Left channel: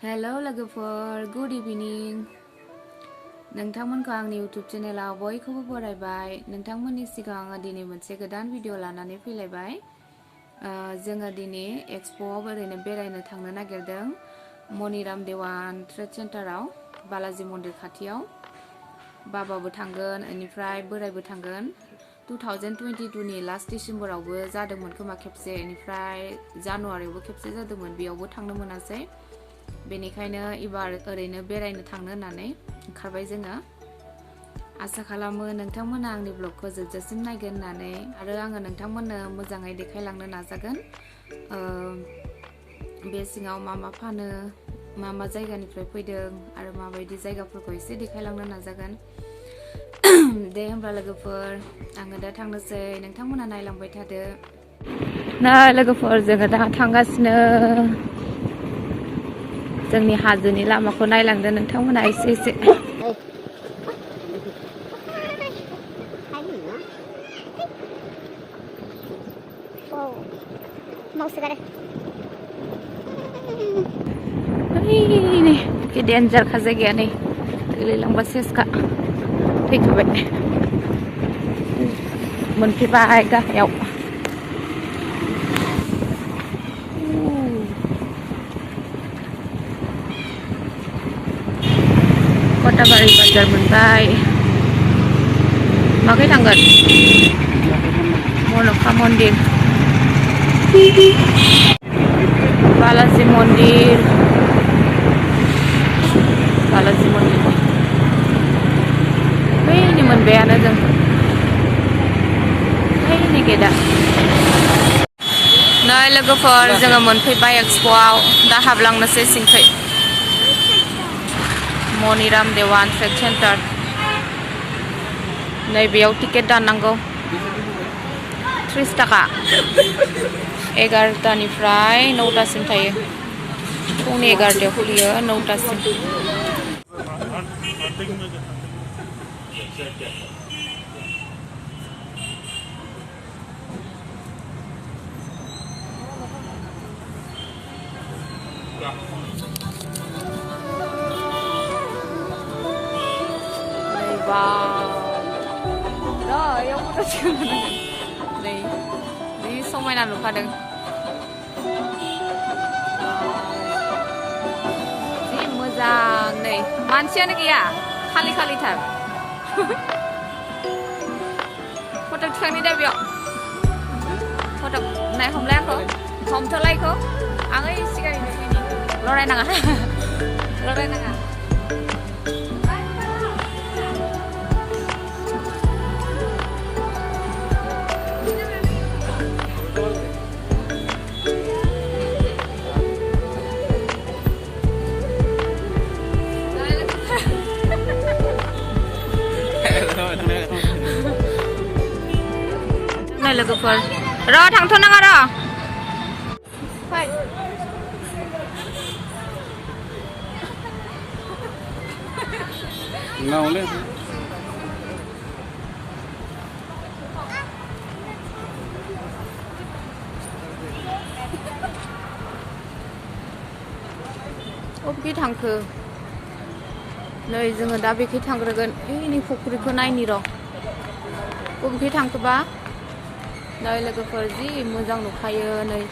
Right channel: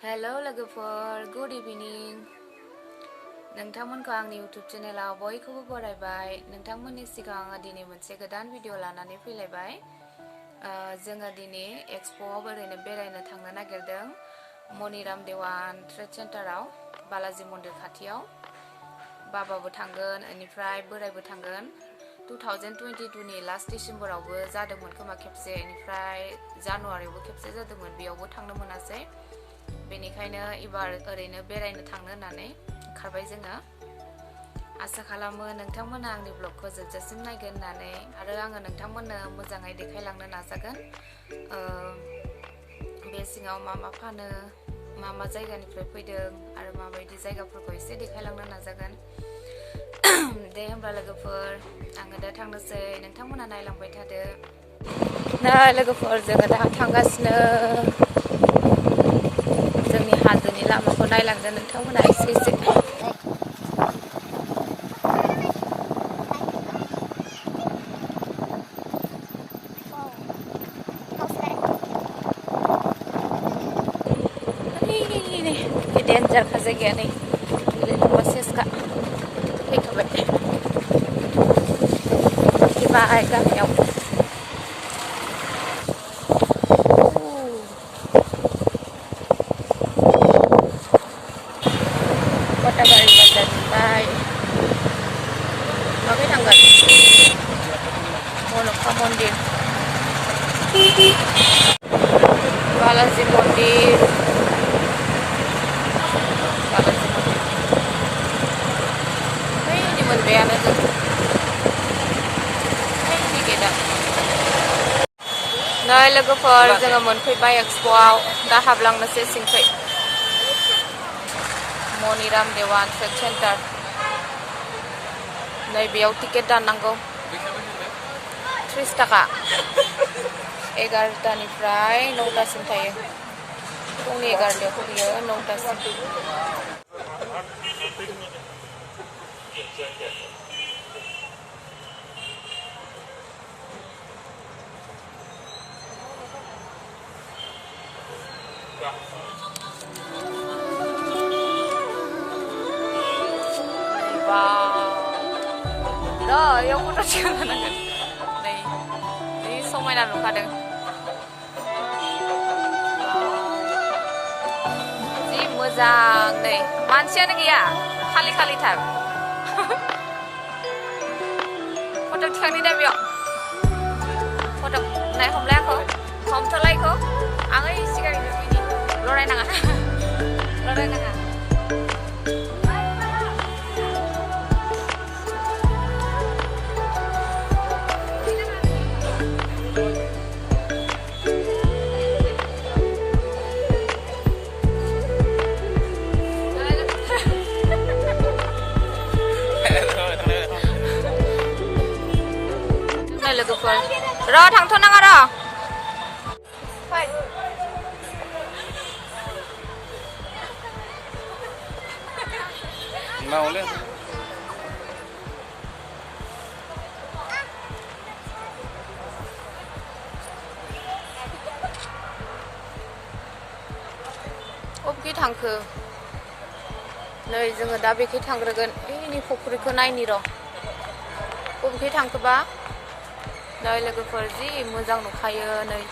Hello लोगोफोर good इभिनिं नोंथांमोनखौ आंनि YouTube चेनेलाव बयखौबो बरायबाय नोंथांमोननि सिगाङाव आङो दिनै मोनसे गोदान भिडिअ लानानै फैलायबाय जोङो दिनै एक्सप'आव ओरैनो बेरायनो थांनो नागिरदों maniram देवान ट्रेड सेन्टाराव बालाजी मन्दिर खाथियाव बाबाबो थांगोन बेनिफ्राय बोरायबो थांगोन 2022 नि लास्ट डिसेम्बरावबो जादोंमोन खोमा खेबसे बेनिफ्राय जानुवारियावबो खेबसे जादोंमोन बेयावबो थांनो मोनासै बेनिखायनो एबार ओरैनो बेरायनो थांनो होननानै ओंखारबाय जोङो आसा खालामो नोंथांमोना आंनि ब्लगखौ जोबजासिम नायगोन होननानै आरो आङो नोंथांमोननो मोजाङै देखायलांनो नाजागोन बे सिङाव मा फानो मा जायगानिफ्राय फैदों आरो माबायदि जायगाफोरखौ एसे देखायलांनो नाजागोन दे होमब्ला लोगोफोर आङो दा थांनोसै नोंथांमोना नायलांबाय थादो ना लोगोफोर जोङो दा थांगासिनो जोंनि हाजोनि लामाखौ नायलांदो नोंथांमोना एसे डेन्जार खा जायगाया नै गोलैलांबा सेसखा फैखाबाय मोनफैबाय गामियाव कटाबारि बाजार मोनबाय माखै थांगोन मनखा मन्दिर बालाजी मन्दिर बैनि मोनबायानो जों बैनि गेटआ नै लोगोफोर जोङो मोनफैबाय एक्सप'आव दा हाबलांनोसै सिंखै maniram देवान ट्रेड सेन्टार नैबेयाव टिकेट दाननांगौ 30 थाखा 11टानिफ्राय 9टासिम थायो फुंनि 11टायाव खुलियो 9टासिम यावबोथ' थिखांनांगोन नै जि समायना नुखादों जि मोजां नै मानसियानो गैया खालिथार फट' थिखांनि दा बेयाव फट' नाय हमलाय आंखौ हमथ'लाय आं ओइ सिगांनि नुसैनि लरायनाङा लोगोफोर र' थांथ'नाङा र' फै मावले अबेखै थांखो नै जोङो दा बेखै थांग्रोगोन ओइनि फुख्रिखौ नायनि र' अबेखै थांखोबा नै लोगोफोर जि मोजां नुखायो नै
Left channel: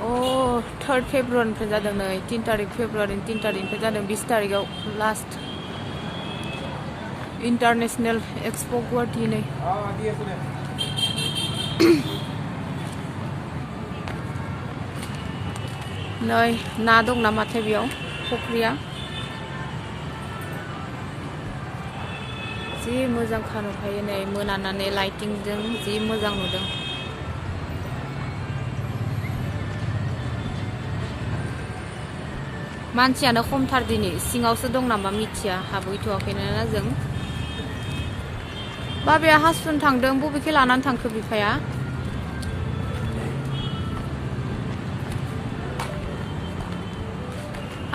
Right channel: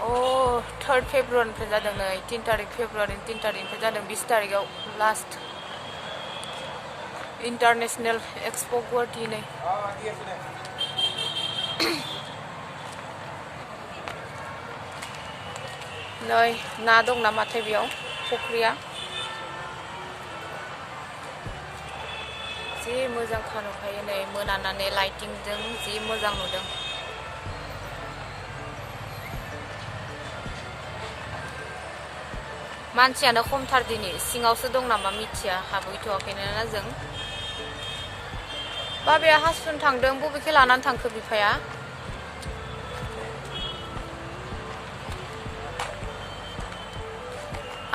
अ 3 फेब्रुवारिनिफ्राय जादों नै 3 तारिख फेब्रुवारि 3 तारिखनिफ्राय जादों 20 तारिखआव लास्ट इन्टारनेशनेल एक्सप' गुवाहाटी नै नै ना दं नामाथाय बेयाव फुख्रिया जि मोजां नुखायो नै मोनानानै लाइटिंजों जि मोजां नुदों मानसियानो खमथार दिनै सिङावसो दं नामा मिथिया हाबहैथ'वाखैनो ना जों बाबाया हासुनो थांदों बबेखै लानानै थांखो बिफाया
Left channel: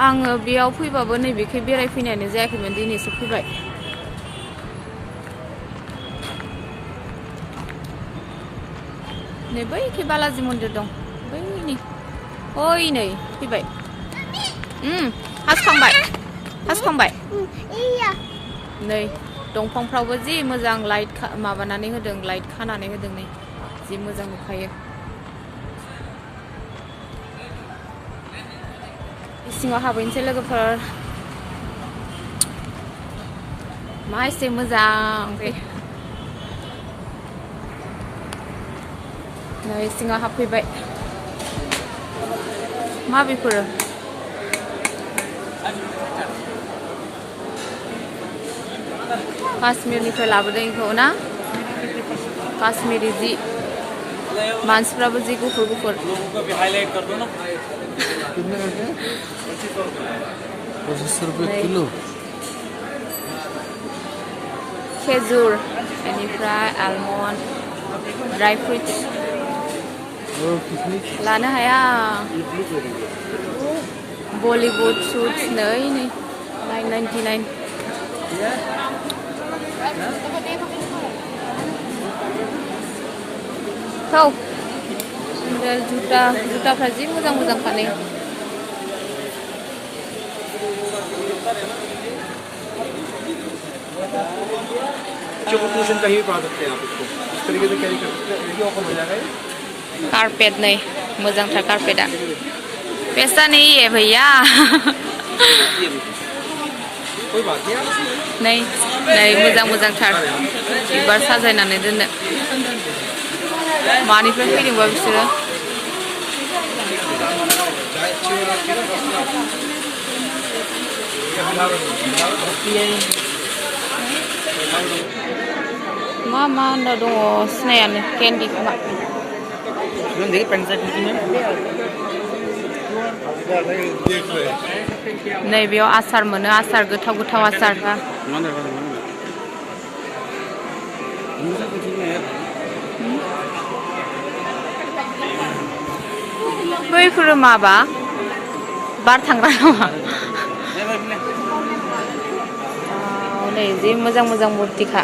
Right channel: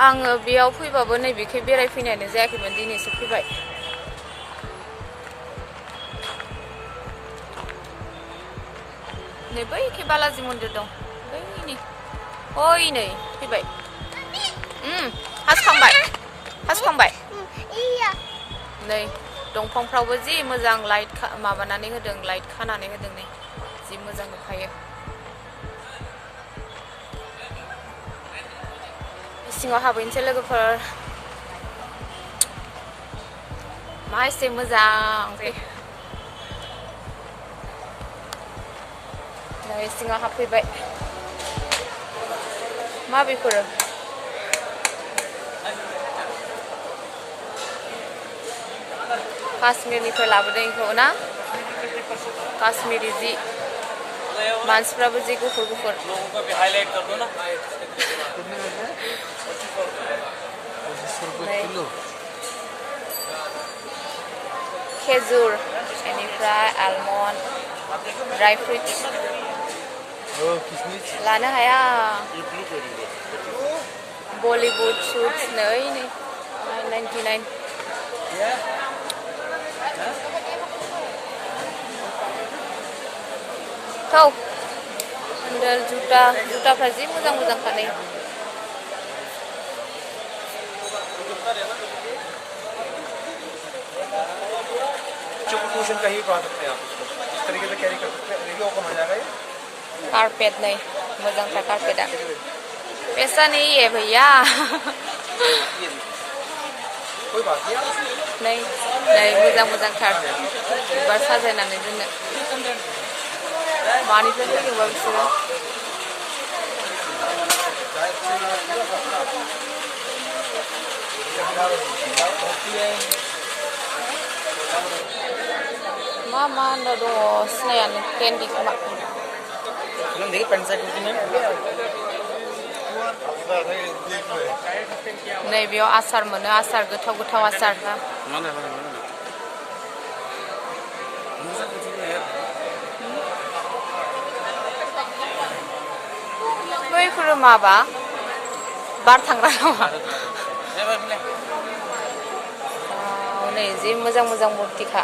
आङो बेयाव फैबाबो नैबेखै बेरायफैनायानो जायाखैमोन दिनैसो फैबाय नै बैखै बालाजि मन्दिर दं बैनि ओइ नै फैबाय हासखांबाय नै दंफांफ्रावबो जि मोजां लाइट माबानानै होदों लाइट खानानै होदों नै जि मोजां नुखायो सिङाव हाबहैनोसै लोगोफोर मा एसे मोजां नै सिङाव हाबफैबाय मा बेफोरो काश्मीरनिफ्राय लाबोदों इखौ ना काश्मीरी जि मानसिफ्राबो जि गुफुर खेजुर बेनिफ्राय आलमन्ड ड्राई फ्रुट्स लानो हाया बलिवुड सुट्स नै 999 थौ सेन्देल जुताफ्रा जि मोजां खानै कारपेट नै मोजांथार कारपेटआ पैसा नहीं है भैया नै मोजांथार बिबार साजायनानै दोननो मानिफ्राय फैदोंबा बिसोरो मा होनना दङ सिनायानो केन्डि खोमा नै बेयाव आसार मोनो आसार गोथाव आसार बैफोरो माबा बार थांग्रा नामा नै जि मोजां मुर्तिखा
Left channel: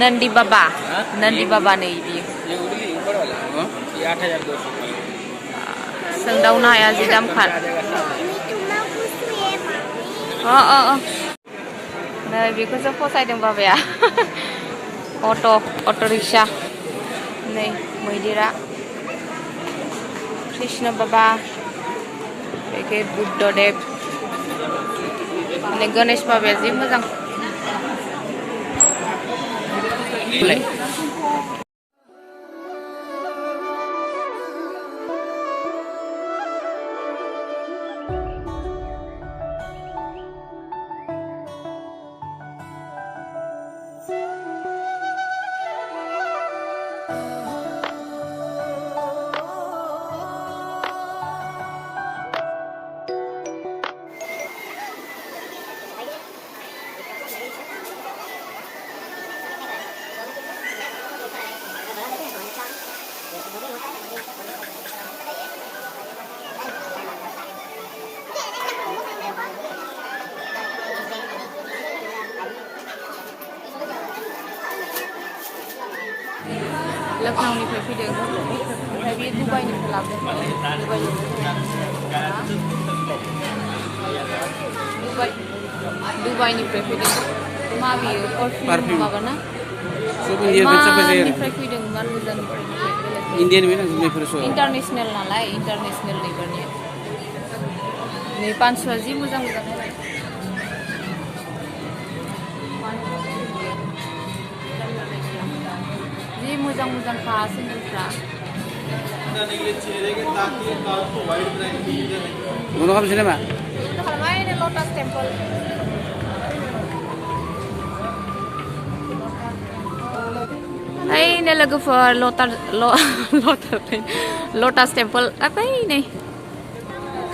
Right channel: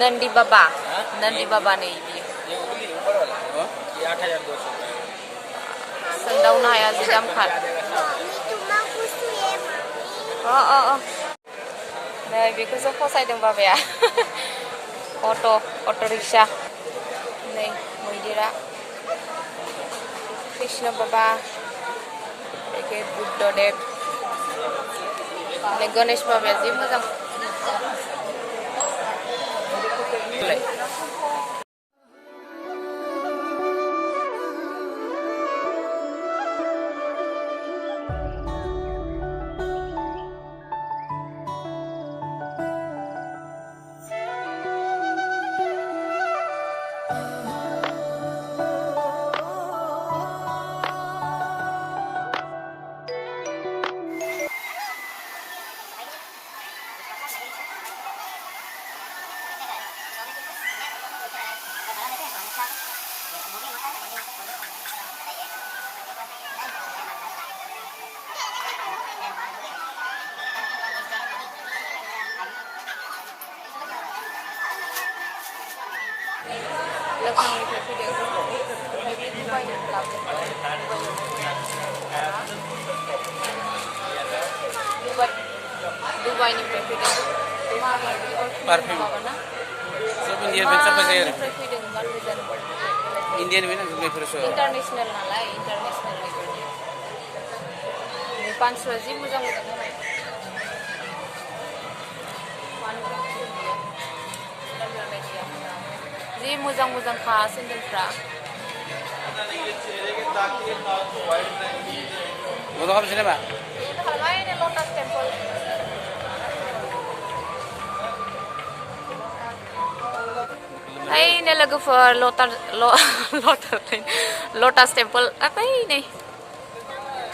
नंदी बाबा नहीं भी सोंदावनो हाया जि दामखार नै बेखौसो फसायदों बाबाया अट' रिक्सा नै मैदेरा कृष्ण बाबा बेखे बुद्धदेव नै गणेश बाबाया जि मोजां Leoxpo fैदों ओमफ्राय बे दुबाइनिफ्राय लाबोदों दुबाइनिफ्राय फैदों पारफ्यूम माबाना सब इंडियन में सब बजे फैदों मार मोजां इंडियन में ना बेफोर सब इंटरनेशनल नालाय इंटरनेशनल निफ्राय नै 500 जि मोजां जि मोजां खा सेन्देलफ्रा Mau kamu sini mak? Ini Lotus Temple. Hai, ini logofoor Lotus Temple. Apa ini?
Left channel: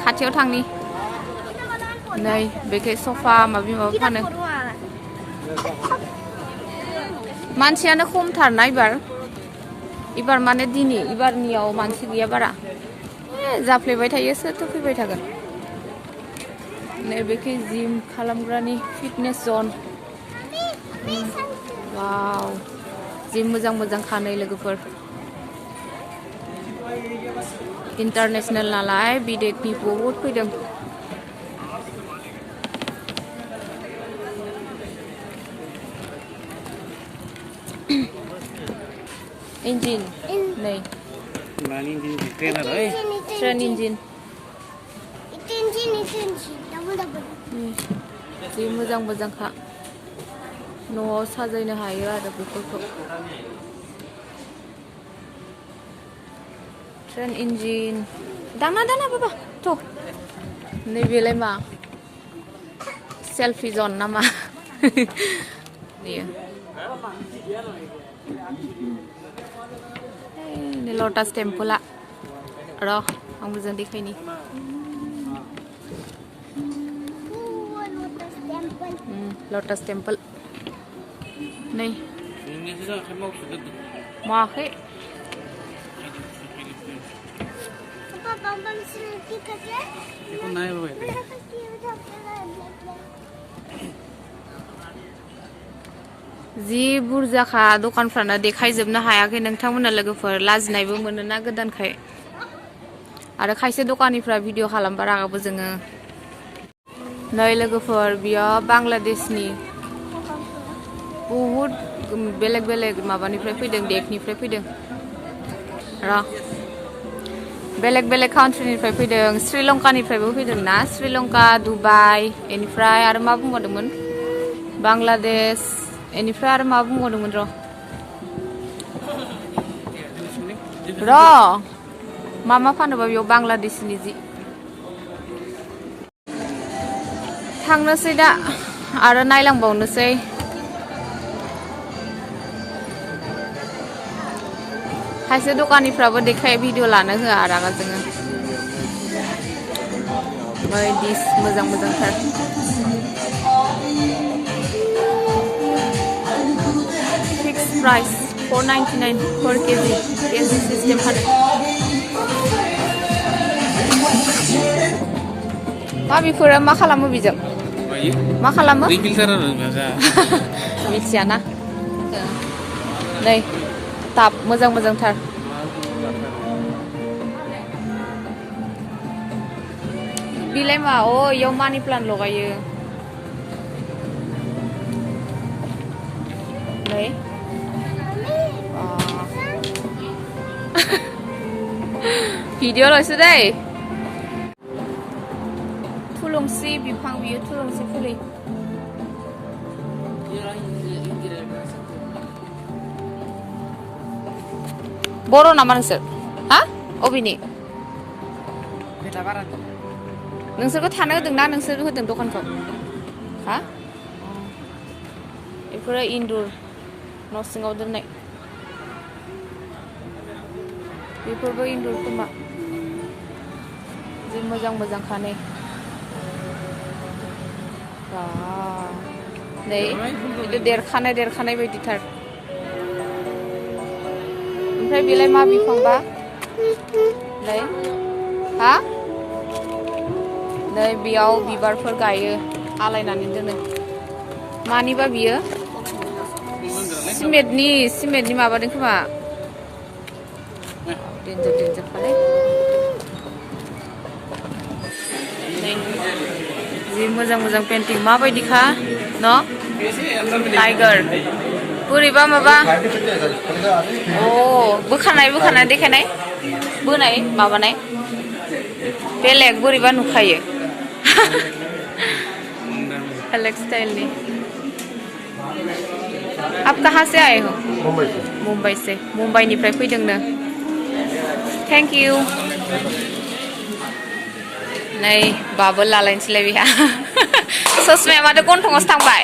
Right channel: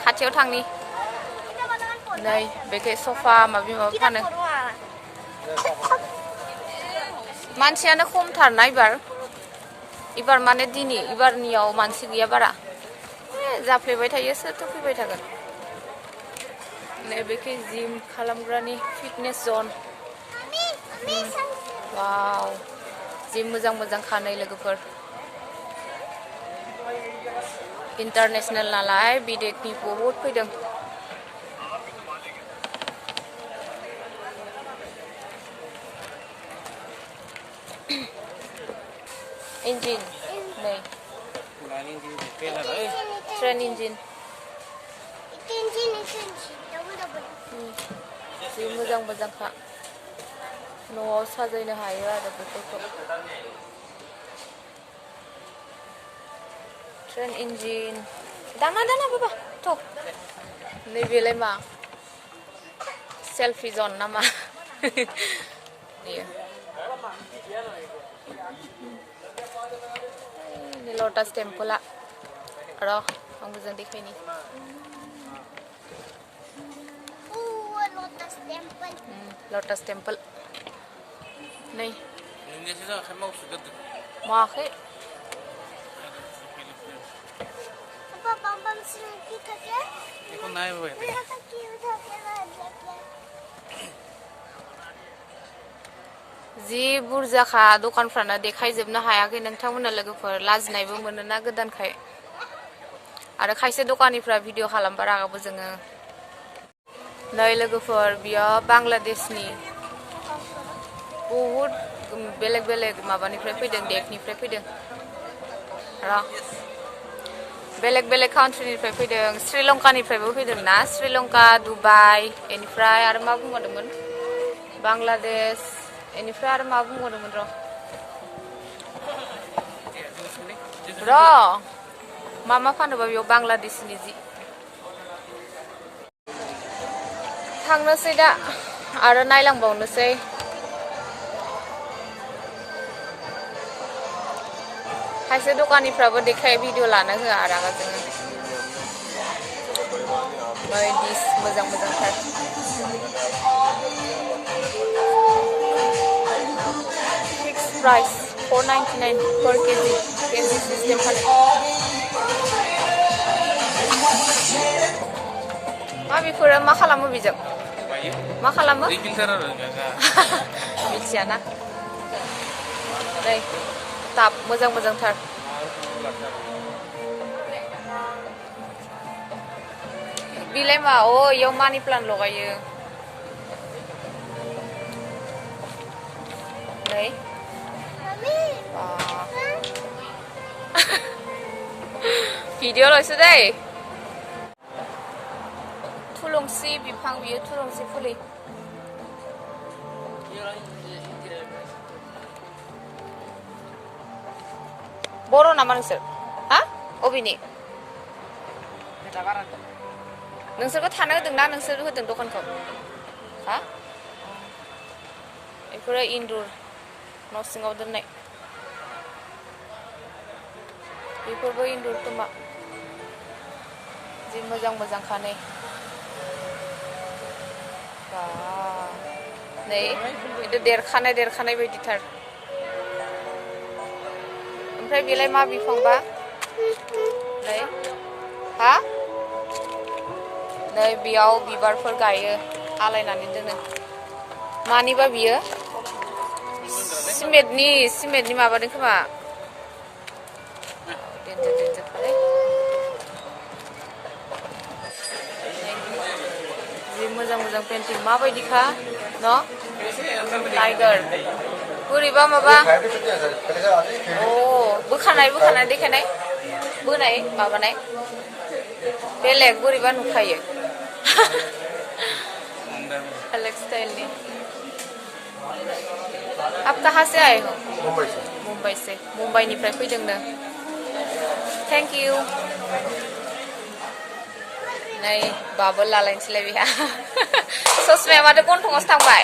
Khaथियाव थांनि. नै बेखे sofa माबा फानो. मानसियानो खमथार ना एबार इबार माने दिनै इबारनियाव मानसि गैया बारा जाफ्लेबाय थायो सोरथो फैबाय थागोन नैबेखि जिम खालामग्रानि फिटनेस जन वाव जिम मोजां मोजां खानै लोगोफोर इन्टारनेशनेल नालाय बिदेशनि बहुत फैदों इंजिन नै ट्रेन इंजिन जि मोजां मोजांखा न'आव साजायनो हायो आरो बेफोरखौ ट्रेन इंजिन दाना दाना बाबा थ' नैबेलाय मा सेल्फि जन नामा ini lotus temple roh ang bujang deखायनि lotus temple नै माखै जि बुरजाखा दखानफ्रानो देखायजोबनो हायाखै नोंथांमोना लोगोफोर लाजिनायबो मोनोना गोदानखाय आरो खायसे दखानिफ्रा भिडिअ खालामबा रागाबो जोङो नै लोगोफोर बियो बांलादेशनि बहुत बेलेग बेलेग माबानिफ्राय फैदों देशनिफ्राय फैदों र बेलेग बेलेग कान्ट्रिनिफ्राय फैदों श्रीलंकानिफ्रायबो फैदों ना श्रीलंका दुबाइ बेनिफ्राय आरो मा बुंबावदोंमोन बांलादेश बेनिफ्राय आरो मा बुंबावदोंमोन र मा फानोबा बेयाव बांलादेशनि जि थांनोसै दा आरो नायलांबावनोसै खायसे दखानिफ्राबो देखाय भिडिअ लानो होआ रागा जोङो डिश मोजां मोजांथार फिक्स प्राइस 4.99 per केजि सिस्टेम फानो मा बेफोरो मा खालामो बेजों मा खालामो मिथियाना नै ताप मोजां मोजांथार बिलाय मा अ इयाव मानि प्लान्ट लगायो नै भिडिअ लसो दै थुलुंसि बिफां बियो थुलुंसि फुलि बर' नामा नोंसोर हा अबेनि नोंसोरखौ थानो होदोंना नोंसोर होदों दखानखौ हा बेफोरो इनडुर न' सिङाव दोननाय बेफोरबो इनडुर खोमा जि मोजां मोजां खानै नै बिदि देरखानाय बायदिथार ओमफ्राय बेलाय मा बिफांबा नै हा नै बेयाव बिबारफोर गायो आलायनानै दोनो मानिबा बियो सिमेन्टनि माबादों खोमा देन्जार खालाय जि मोजां मोजां पेन्टिं माबायदिखा न' टाइगार बोरैबा माबा अ बोखानाय देखायनाय बोनाय माबानाय बेलेग बोरैबा नुखायो अलग स्टाइलनि आप कहाँ से आए हो मुंबई से मुंबईनिफ्राय फैदोंनो थेंक इउ नै बाबो लालायनोसैलाय बेहा ससमाया माथो गन्थंआवसो थांबाय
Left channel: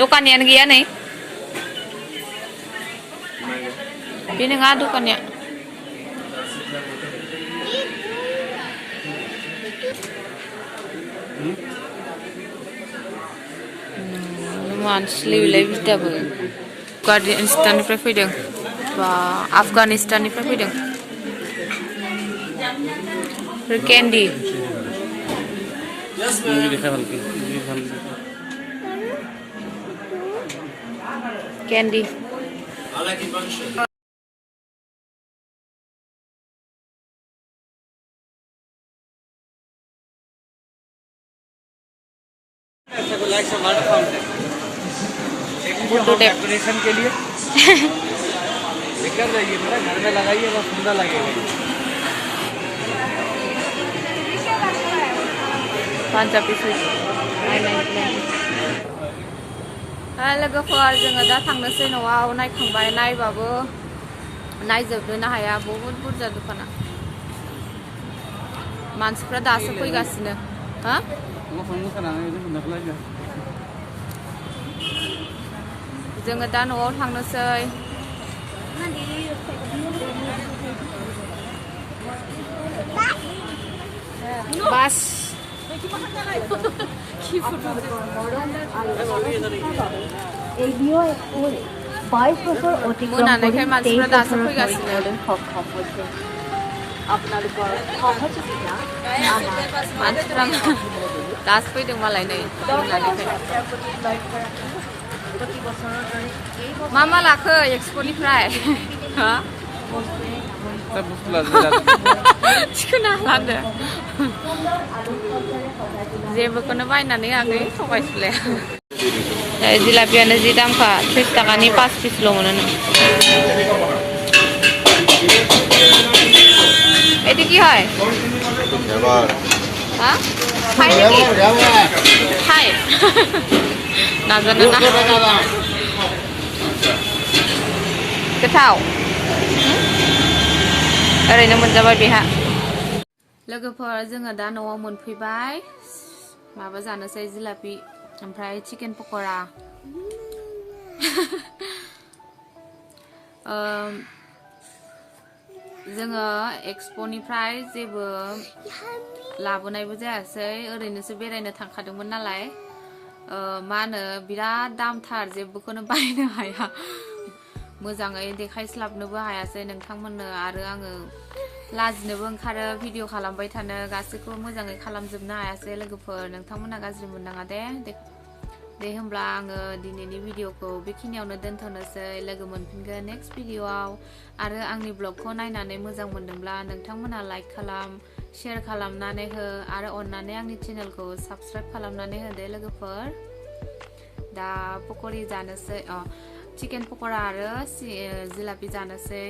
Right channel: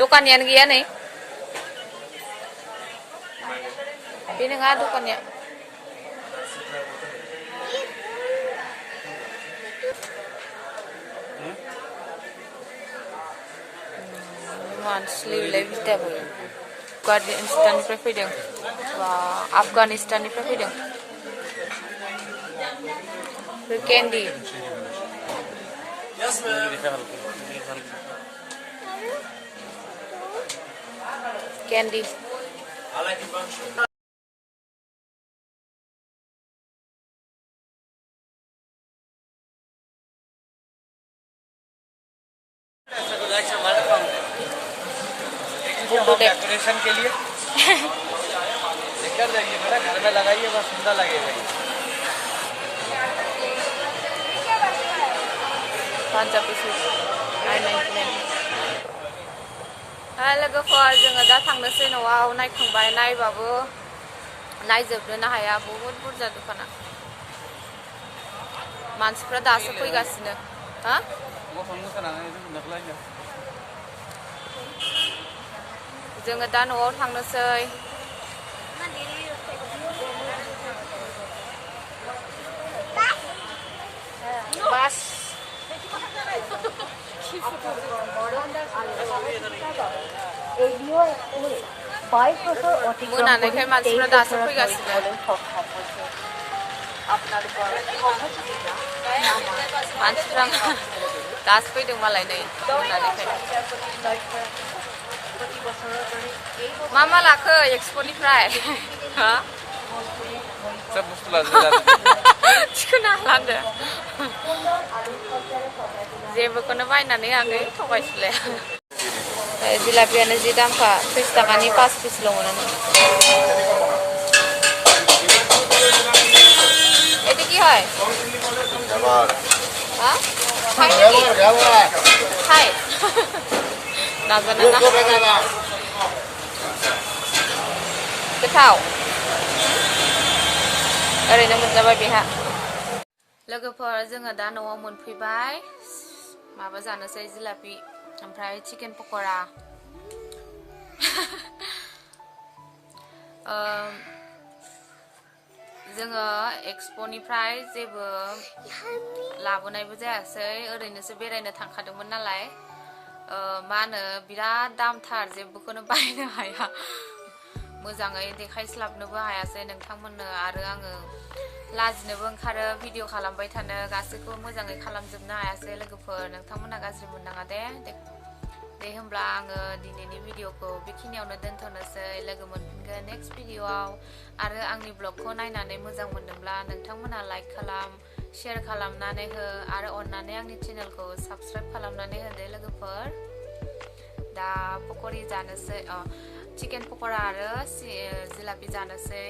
दखानियानो गैया नै बे नङा दखानिया मानसिलै बिलाय बिदाबो Afghanistanनिफ्राय फैदों बा Afghanistanनिफ्राय फैदों कैंडी कैंडी डेकोरेशन के लिए निकल जाइए बेटा, घर में लगाइए, बस सुंदर लगेगा। 5 piece लोगोफोर जोङो दा थांनोसै न'आव नायखांबाय नायबाबो नायजोबनोनो हाया बहुत बुरजा दखाना मानसिफ्रा दासो फैगासिनो हा जोङो दा न'आव थांनोसै बास मोनानायखाय मानसिफ्रा दासो फैगासिनो मानसिफ्रा दासो फैदों मालाय नै मोनानायखाय मा लाखो एक्सप'निफ्राय हा थिखोनो हालांदो जेबोखौनो बायनानै होआखै थगायसुलाया जिलापियानो जि दामखा 30 टाकानि 5 पिसल' मोनो এটি কি হয় হ্যাঁ খাই নাকি খাই নাজানো না गोथाव ओरैनो मोनजाबाय बेहा लोगोफोर जोङो दा न'आव मोनफैबाय माबा जानोसै जिलापि ओमफ्राय चिकेन पक'रा जोङो एक्सप'निफ्राय जेबो लाबोनायबो जायासै ओरैनोसो बेरायनो थांखादोंमोन नालाय मा होनो बिराद दामथार जेबोखौनो बायनो हाया मोजाङै देखायस्लाबनोबो हायासै नोंथांमोननो आरो आङो लाजिनोबो ओंखारो भिडिअ खालामबाय थानो गासैखौबो मोजाङै खालामजोबनो हायासै लोगोफोर नोंथांमोना गाज्रि मोननाङा दे होमब्ला आङो दिनैनि भिडिअखौ बेखिनियावनो दोनथ'नोसै लोगो मोनफिनगोन नेक्स्ट भिडिअआव आरो आंनि ब्लगखौ नायनानै मोजां मोनदोंब्ला नोंथांमोना लाइक खालाम शेयार खालामनानै हो आरो अननानै आंनि चेनेलखौ साबस्क्राइब खालामनानै होदो लोगोफोर दा पक'रि जानोसै चिकेन पक'रा आरो जिलापि जानोसै